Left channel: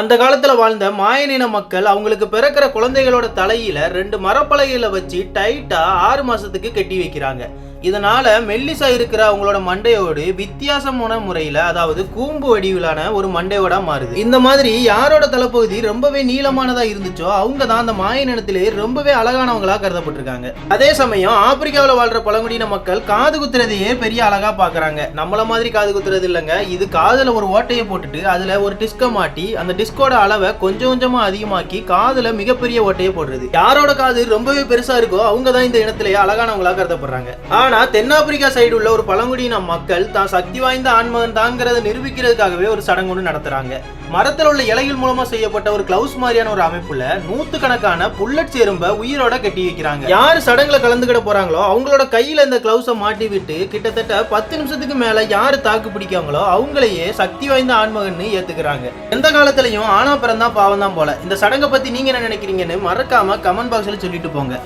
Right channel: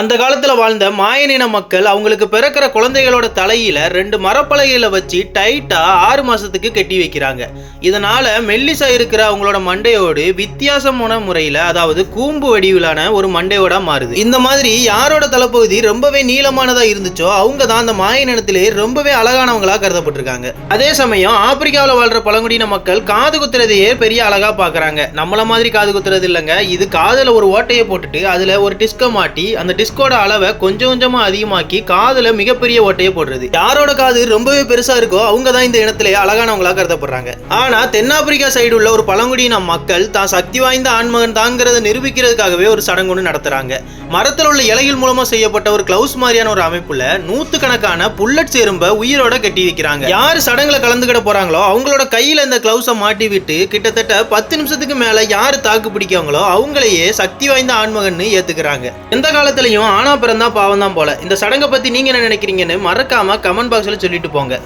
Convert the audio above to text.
அந்த காலத்தில் வாழ்ந்த மாயனின மக்கள் அவங்களுக்கு பிறக்கிற குழந்தைகளோட தலையில ரெண்டு மரப்பலகைகளை வச்சு டைட்டா ஆறு மாசத்துக்கு கட்டி வைக்கிறாங்க. இதனால மெல்லிசா இருக்கிற அவங்களோட மண்டையோடு வித்தியாசமான முறையில அதாவது கூம்பு வடிவிலான ஒரு மண்டையோட மாறுது. இந்த மாதிரி யாரோட தலைப்பகுதி ரொம்பவே நீளமானதா இருந்துச்சோ அவங்க தான் அந்த மாயனினத்திலே ரொம்பவே அழகானவங்களா கருதப்பட்டிருக்காங்க. அதே சமயம் ஆப்பிரிக்காவில் வாழ்ற பழங்குடியின மக்கள் காது குத்துறதையே பெரிய அழகா பாக்குறாங்க. நம்மள மாதிரி காது குத்துறது இல்லைங்க. இது காதுல ஒரு ஓட்டையை போட்டுட்டு அதுல ஒரு டிஸ்கை மாட்டி அந்த டிஸ்கோட அளவை கொஞ்சம் கொஞ்சமா அதிகமாக்கி காதுல மிகப்பெரிய ஓட்டையை போடுறது. யாரோட காது ரொம்பவே பெருசா இருக்கோ அவங்க தான் இந்த இனத்திலே அழகானவங்களா கருதப்படுறாங்க. ஆனா தென்னாப்பிரிக்கா சைடு உள்ள ஒரு பழங்குடியின மக்கள் தான் சக்தி வாய்ந்த ஆண்மகன் தாங்கிறத நிரூபிக்கிறதுக்காகவே ஒரு சடங்கு ஒன்று நடத்துறாங்க. மரத்தில் உள்ள இலைகள் மூலமா செய்யப்பட்ட ஒரு கிளவுஸ் மாதிரியான ஒரு அமைப்புல நூத்துக்கணக்கான புல்லட் எறும்ப உயிரோட கட்டி வைக்கிறாங்க. யார் சடங்குல கலந்துகிட போறாங்களோ அவங்களோட கையில இந்த கிளவுஸை மாட்டி விட்டு கிட்டத்தட்ட பத்து நிமிஷத்துக்கு மேல யாரு தாக்கு பிடிக்காங்களோ அவங்களையே சக்தி வாய்ந்த ஆண்மகன் ஏத்துக்கிறாங்க. எந்த காலத்துலயும் ஆனா பிறந்தா பாவம் தான் போல. இந்த சடங்கை பத்தி நீங்க என்ன நினைக்கிறீங்கன்னு மறக்காம கமெண்ட் பாக்ஸ்ல சொல்லிட்டு போங்க.